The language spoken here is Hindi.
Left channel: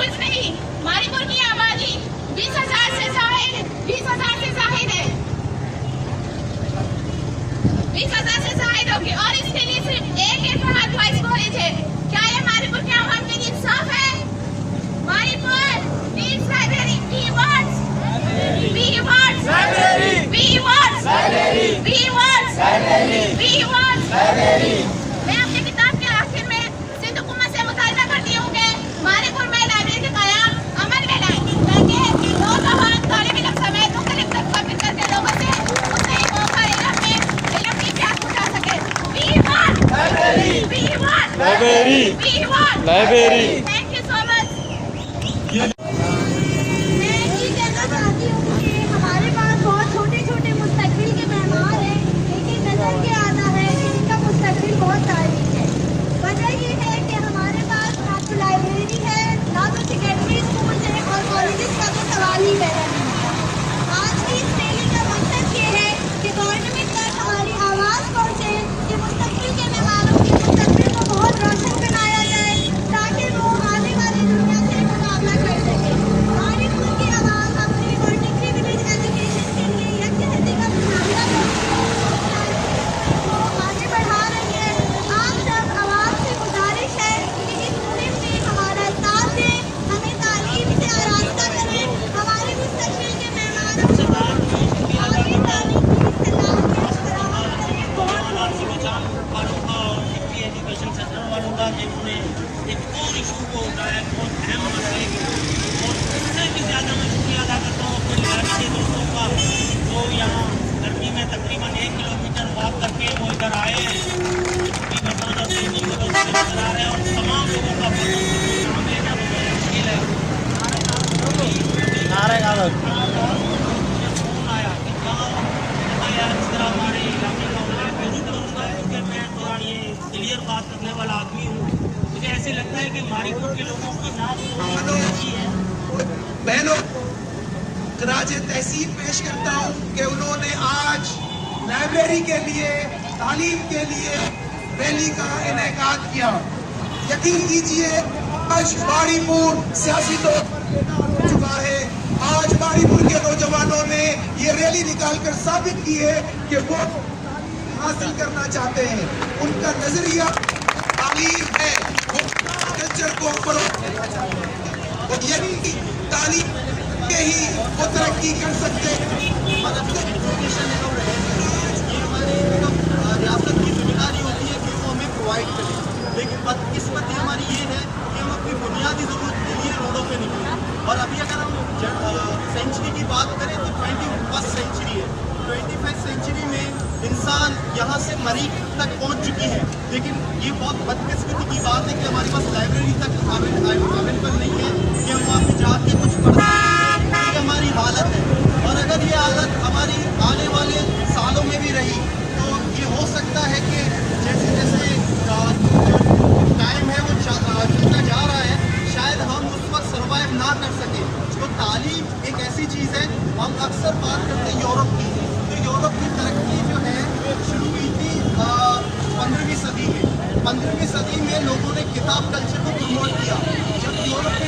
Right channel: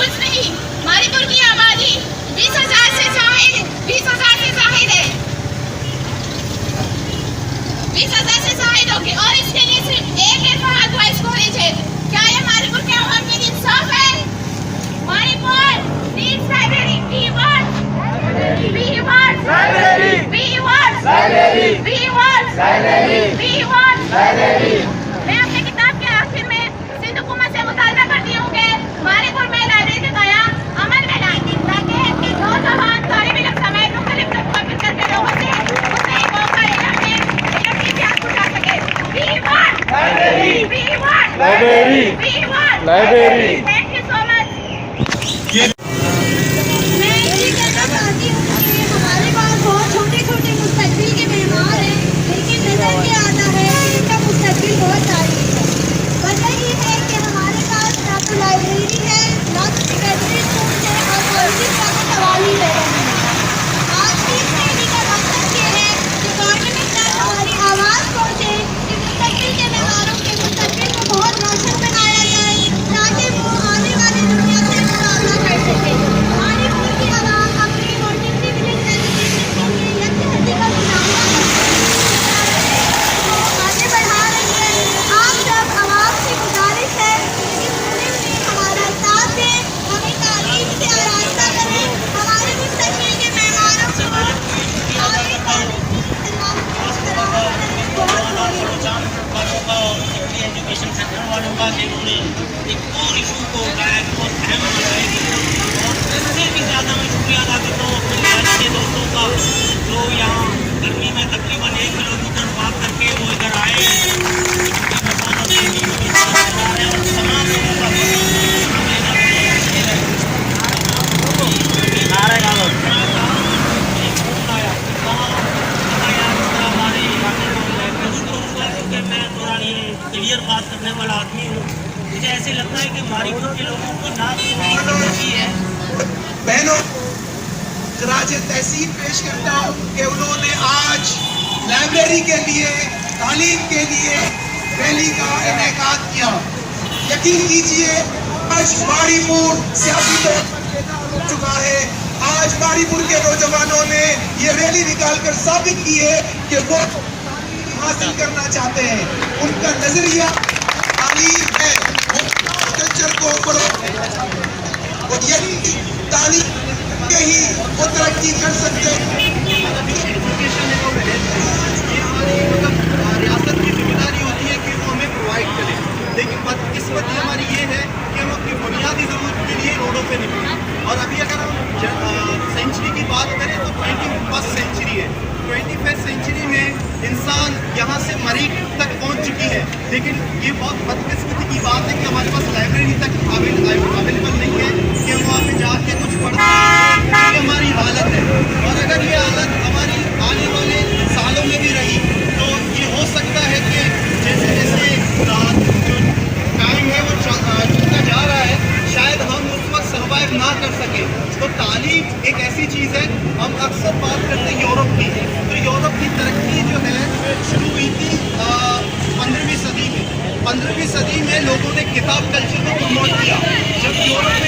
कुछ नहीं, मणिपुर की आबादी 20,000 से जाहिर है, 20,000 से जाहिर है, 20,000 से जाहिर होगी और इसके लिए सिर्फ एक है फहद बॉयज कॉलेज है। क्या ये मणिपुर के आवाम में इंसाफ है? Manipur needs library, we want library, we want library, we want library, we want library, we want library. मैं अपनी किताब के आखिर में सिंध हुकूमत से मुतालबा करती हूँ कि मणिपुर में लाइब्रेरी का कयाम अमल में लाए ताकि नौजवान तालिब इल्म समेत मुख्तलिफ तबक़ों के लोगों से उसे एक मौका इल्म की प्यास बुझा सके। We want library, we want library, we want library. Thank you so much. मैं ये कहना चाहती हूँ कि हमारे पास बहुत छोटे छोटे मुस्तकबिल के मेहमान हैं, लेकिन नजर क्या आता है इनका मुस्तकबिल बहुत तारीख है। वजह ये है कि हमारे पास ना तो लाइब्रेरी है, ना तो सेकेंडरी स्कूल है और कॉलेजेस का तो सवाल ही पैदा नहीं है। आज की इस रैली का मकसद ये है कि गवर्नमेंट तक हमारी आवाज़ पहुँचे कि मुस्तकबिल के मेहमानों के मुस्तकबिल को बहुत रोशन बनाया जाए ताकि वो आने वाली दुनिया से मुकाबला कर सके। मणिपुर की आवाम अपनी मल्टी प्रिविलेज एजुकेशन के लिए यकजहती का मुजाहरा आगे बढ़ा रही है। आप सब आवाम से गुजारिश है कि इस मुहिम में हमारा साथ दें, हमें तालीम से आरास्ता करें, हमारे मुस्तकबिल के मेहमानों को आगे तालीम की इस्तेमाल फराहम करने में बहुत एजुकेशन सेक्टर वालों का कि उन्होंने एक और इशू को उठाया कि बहुत अहम रहेगी और इससे भी ज़्यादा मैं शुक्रिया अदा करता हूँ अपने भारतीय दोस्तों का जो यहाँ गर्मी में तकरीबन 1 किलोमीटर वॉक करके वो इधर आए क्योंकि मेहमान अपने चला रहे और तमाम लोगों का क्लियर बात करने वाला आदमी हूँ। मुझे ऐसे लगता है कि मणिपुर के लोगों को ना है बहनों खराज तहसीन पेश करता हूँ कि उन्होंने आज लाइब्रेरी के लिए तालीम के लिए रैली का इनेकाद किया। यकीन कीजिए आज मणिपुर सियासी तौर पर चुका है। आज मणिपुर के नौजवानों ने ये रैली निकालकर साबित की है कि वो हासिल करना चाहते हैं। उनका नजरिया तालीम है, कल्चर को और यही तालीम के ही वो तरक्की कर सकते हैं। रियासत की जिम्मेदारी होती है कि वो हमें प्रोवाइड करे, लेकिन बदकिस्मती हमारी ये है कि हम अपनी बुनियादी जरूरत के लिए रोडों पे निकले। और अभी अगर हम सेंचुरी की बात करें तो 21st सेंचुरी है। 21st सेंचुरी में इंसान यहाँ से मरीज तक पहुँच चुकी है, लेकिन ये बहुत बदकिस्मती की बात है कि हमारे पास लाइब्रेरी तक अवेलेबल नहीं है कि हम वहाँ पे जाके कुछ पढ़ सकें। ये हमारी हालत है और अगर ये हालत हमारी आने वाले सालों में भी रही तो ये हो सकता है कि जैसे जैसे टाइम है वो चलता जा रहा है, शायद हम उस वक्त सर्वाइव ना कर सकें। तो तालीम एक ऐसी चीज़ है, हम अक्सर बात करते हैं यूरोप की, तो यूरोप की तरक्की जो है शुरू हुई थी 15वीं सदी में। 15वीं सदी में लोगों ने किताब कल्चर को प्रमोट किया। जब यूरोप